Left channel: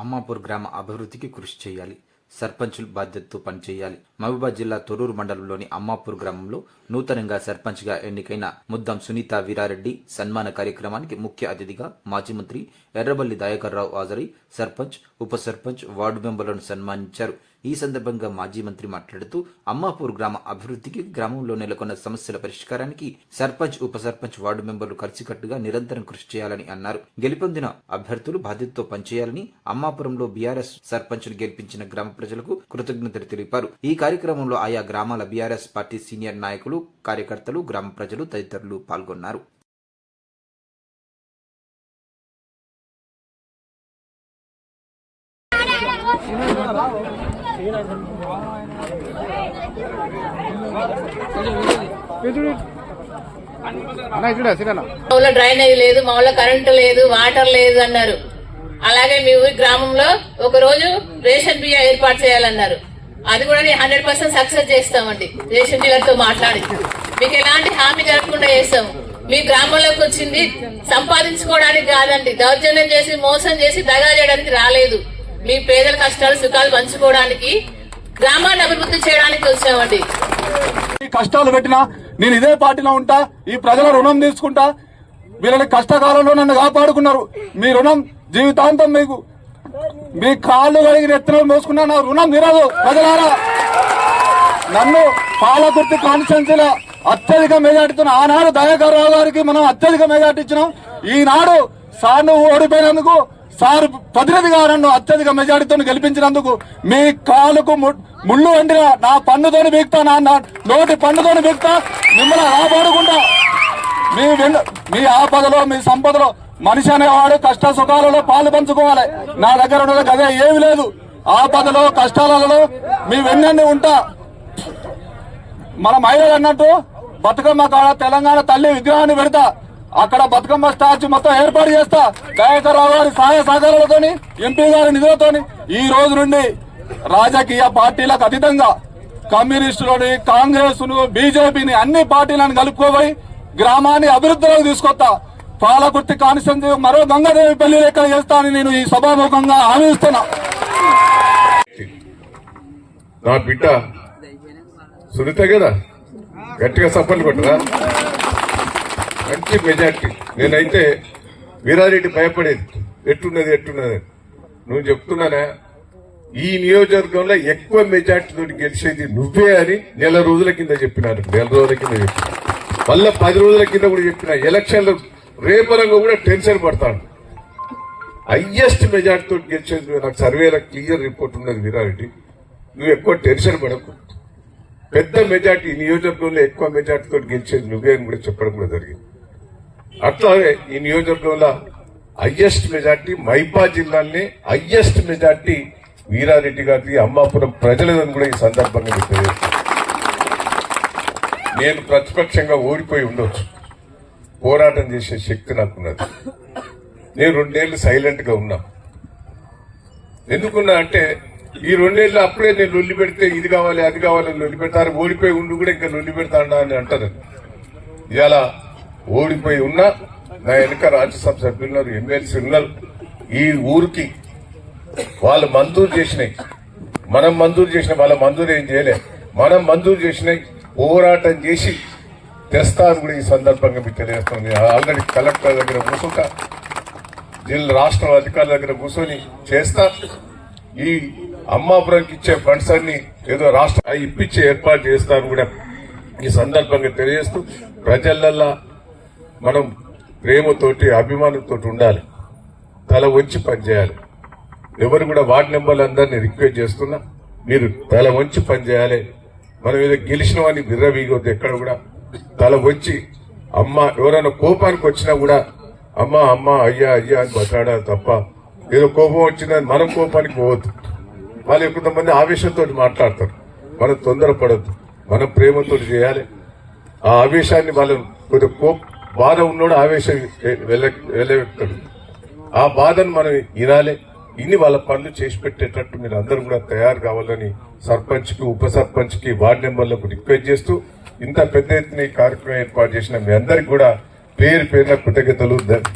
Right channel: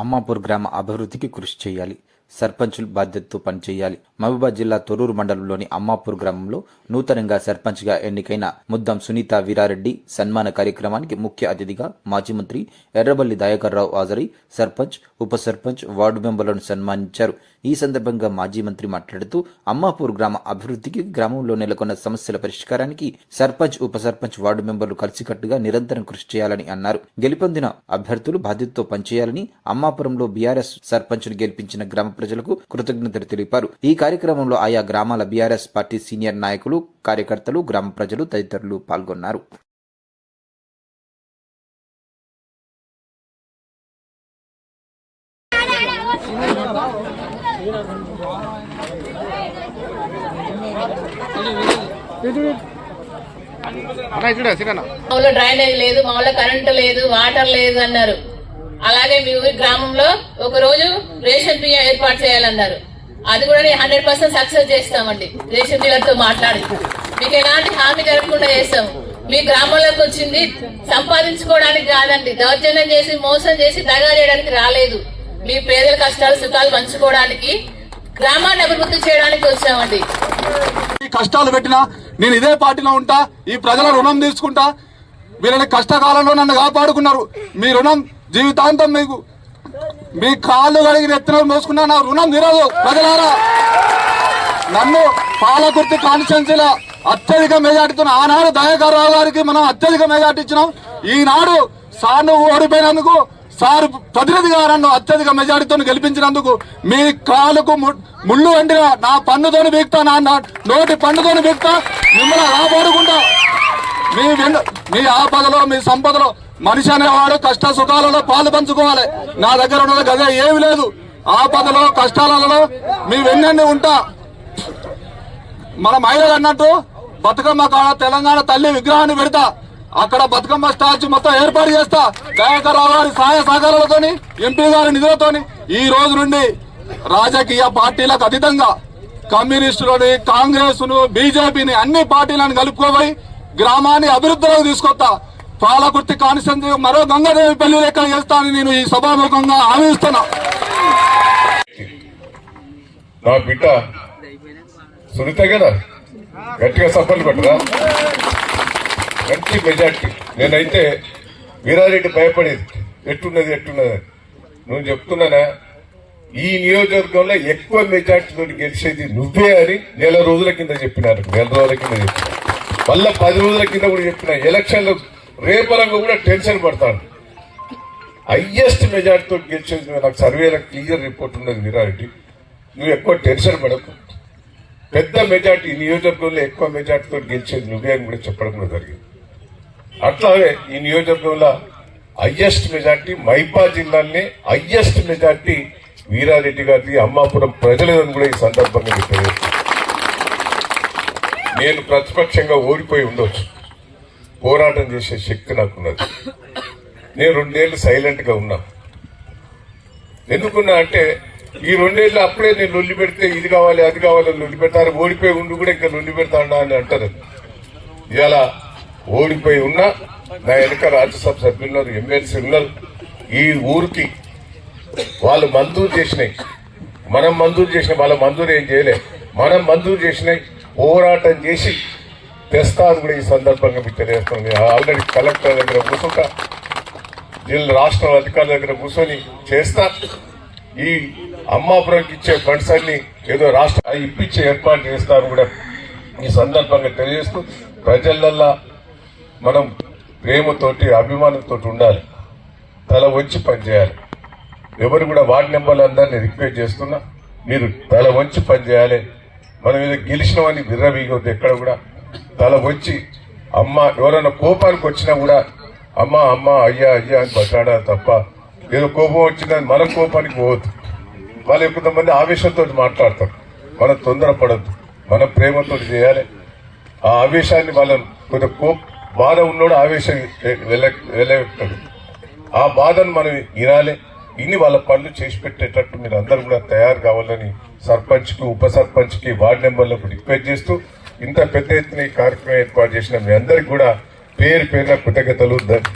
అమ్మాపూర్ గ్రామ అభివృద్ధికి కృషి చేయాలి. సర్పంచులు బాధ్యతతో పనిచేయాలి. మహబూబాద్ జిల్లా తొర్రూరు మండలంలోని అమ్మాపూర్ గ్రామంలో నూతనంగా సర్పంచ్గా ఎన్నికైన ముద్దం సునీత వీరారెడ్డి సన్మాన కార్యక్రమానికి ముఖ్య అతిథిగా మాజీ మంత్రి ఎర్రబల్లి దయాకర్రావు హాజరై సర్పంచ్ ఉప సర్పంచ్ వార్డు మెంబర్లను సన్మానించారు. ఈ సందర్భంగా మాజీ మంత్రి మాట్లాడుతూ అమ్మాపూర్ గ్రామ అభివృద్ధికి గ్రామంలో నెలకొన్న సమస్యల పరిష్కారానికి సర్పంచ్ ఉప సర్పంచ్ వార్డు మెంబర్లు కలిసికట్టుగా నిరంతరం కృషి చేయాలని అన్నారు. గెలుపొందిన అభ్యర్థులు బాధ్యతతో పనిచేయాలని అమ్మాపురంలో బీఆర్ఎస్ సర్పంచ్ను గెలిపించిన గ్రామ ప్రజలకు కృతజ్ఞతలు తెలిపారు. ఈ కార్యక్రమంలో ఆయా గ్రామాల బీఆర్ఎస్ పార్టీ సీనియర్ నాయకులు కార్యకర్తలు గ్రామ ప్రజలు తదితరులు పాల్గొన్నారు. డ్రైనేజ్ లేదు మా ఊళ్ళో కరెంటు లేదు వాటర్ లేదు అన్నారు. అలాగే మీ ఊరి గ్రామంలో ఒక రోజు రేషన్ బియ్యం ఏర్పాటు చేయాలన్నారు. అది కూడా నేను హండ్రెడ్ పర్సెంట్ సక్సెస్ చేస్తామండి. రేషన్ బియ్యంతో మాట్లాడి. మీకు ఎలాంటి హామీ కలగకుండా చేస్తాం. మీ గ్రామంలోకి వచ్చింది సంపాదించుకోవడానికి కాదండి. దౌర్జన్యం చేసి మోసం చేసి దగా చేయడానికి రాలేదు. మీ పేదల కష్టాలు సుఖాలు పంచుకోవడానికి గ్రామాన్ని అభివృద్ధి చేయడానికి వచ్చామండి. కష్టాలు పెట్టినా నేను ఇదే పార్టీలో ఉంటా ఈ ప్రజల రుణం తీసుకుంటా వీళ్ళని కష్టకాలంలో నన్ను కాపాడుకున్నారు. మీ రుణం జీవితాంతం మీకు మీ కాళ్ళు కడిగి నెత్తిన మోసుకున్నా నా రుణం తీరదు ప్రజలారా. నన్ను పాలకుర్తి కాన్స్టిట్యున్సీలో అత్యధిక మెజార్టీతో ఆనాడు దయాకర్ రావు గారికి మనం అత్యధిక మెజార్టీ ఇచ్చినాం. ఈనాడు సాను ఓడిపోయినందుకు సార్ ప్రతినిధిగా నన్ను అత్యధిక మెజారిటీతో గెలిపించినందుకు మీ కాలుకు ము- ముళ్ళు వెంటగా నా పన్నుతోని బీక్తా నా నా నోటి పన్నుతోని బీక్తా మిమ్మల్ని ఆపాడుకుంటా మీ మీ ఆపదలో మీ సంపదలో మనిషి అనేవాడు కష్ట సుఖాలలో పాలు పంచుకోవాలి. నా దగ్గర ఉన్నది గదే ఏమి లేదు. ఆపదలో కష్టాలలో మీ వెన్నండి ఉంటా. మన మహిళలు అన్నట్టు బతుకమ్మ కాడ తెలంగాణ తల్లి విగ్రహాన్ని పెడతా. అక్కడ బతుకమ్మ స్టాచ్యూ మొత్తం ఏర్పాటు చేస్తా. దయాకర్ గారి సహాయ సహకారాలతోని ఎంపీ గారి నిధులతోని ఈ రోజు నుండి రాజకీయ పార్టీలకు అతీతంగా కమ్యూనిస్టులని కాంగ్రెస్ను బీజేపీని అన్ని పార్టీలను కలుపుకోబోయి గ్రామాన్ని అభివృద్ధిలోకి తీసుకొస్తా. పాలకుర్తి కాన్స్టిట్యూన్సీ మరో గంగాదేవి పెళ్ళి లెక్కలు చేస్తానని నేను ఈ సభాముఖంగా హామీ నా బిడ్డ సునీత కదా? గట్టిగా సపోర్ట్ కొట్టరా మంచి మెజార్టీ. నేనైతే వీరారెడ్డి భయపడేది. ఎట్టున్నది ఎట్టున్నది. నువ్వు చెప్తున్నానా? ఈ నియోజకవర్గంలో ఎక్కువ మెజార్టీతో గెలిచేది నువ్వే అని నెల రోజుల కింద చెప్పినారు. నెల రోజుల కింద చెప్పిన. మళ్ళా పది రోజుల కింద కూడా చెప్పిన. ఎలక్షన్లు రేపలంగా కూడా టెన్షన్ పడతాను. హయ్యెస్ట్ మెజార్టీతో గెలిచేది నాకు సర్వేలో క్లియర్ రిపోర్ట్ ఉన్నది వీరారెడ్డి. నువ్వు ఎక్కువ టెన్షన్ పడకు. పెద్ద మెజార్టీ నియోజకవర్గంలో ఎక్కువ మెజార్టీతో గెలిచేది నువ్వే అని కూడా చెప్పడం కూడా జరిగింది. అట్లానే ఈ నియోజకవర్గంలో హయ్యెస్ట్ మెజార్టీ మైపా జిల్లాలని హయ్యెస్ట్ మెజార్టీ వీరారెడ్డి గారికి అమ్మాపురం ప్రజలను కూడా ఈ సందర్భంగా మీకు నేను ప్రతిపక్షంగా ఓడిపోయి ఉండొచ్చు. పోరాటం చేసే శక్తి నాకున్నది. నేను రెండేళ్ళు సైలెంట్గా ఉన్నా. ఎందుకున్నా అంటే ఈ రెండేళ్ళు అప్పుడే నేను లొల్లి పెడితే ఇది కావాలి అది కావాలి లొల్లి పెడతారు ఓడిపోయి ఉండి కూడా ఇంకా లొల్లి పెడతా అని అంటారు. ఇవాళ ఓడిపోయి ఉన్నా నా వెనుక రాజ్యసభ సభ్యుల్లో ఉన్నారు ఎమ్మెల్సీ ఉన్నారు ఈ ఊరికి వాళ్ళు మంజూరు చేసినాయి. మనం మంజూరు చేసిన వాళ్ళ మంజూరు ఏం చేయలే. మనం మంజూరు చేసినాయి పోరాటం చేసి తెస్తాను కూడా ఈ సందర్భంగా మీకు తెలియజేస్తాను. ఆల్రెడీ కలెక్టర్ దగ్గర కూర్చుంటా జిల్లా రాష్ట్ర అధికారుల దగ్గర కూర్చొని చేస్తా. ఈ అమ్మాపురంకి ఇచ్చే ఫండ్స్ అన్ని ఏదో రాష్ట్ర అవి ఇప్పించి ఏర్పాటు చేస్తాను కూడా ఈ సందర్భంగా తెలియజేస్తూ ప్రజలల్లా మనం ప్రేమతోటి అభిమానంతో ఉండాలి. తల వంచి పనిచేయాలి. ఎవరు కూడా వార్డు మెంబర్లు అందరినీ రిక్వెస్ట్ చేస్తున్నా మీరు తల వంచి పనిచేయాలి. మనం ఏదో గెలిచినామని బిర్రవీగొద్దు ఎక్కడ కూడా. తల వంచి అమ్మ ఎవరైనా కోపానికి వచ్చినా కూడా అమ్మ అమ్మ అయ్యా అయ్యా అని బట్లాడాలి తప్ప ఏదో కోపం వచ్చినా మనం కోపానికి పోవద్దు. వాళ్ళు కొంతమంది ఆవేశంతో మాట్లాడతారు. మనం తొందరపడద్దు. మనం ప్రేమతో చేయాలి. ఆ ఆవేశాన్ని వాళ్ళని కొంత కోప బాధ ఉన్నోడు ఆవేశం వెళ్ళ ఆ బాధను మనం వినాలి ఇన్ని వాళ్ళ పనులు చేసి పెట్టేటట్టు మీరు అందరూ కూడా తయారు కావాలని సర్పంచ్కి ఉప సర్పంచ్కి వార్డ్ వార్డు మెంబర్లకు రిక్వెస్ట్ చేస్తూ ఇంత పెద్ద ఎత్తున ఈ కార్యక్రమం ఏర్పాటు చేసిన మీ అందరికి కూడా పేరు పేరున కృతజ్ఞతలు. ధన్-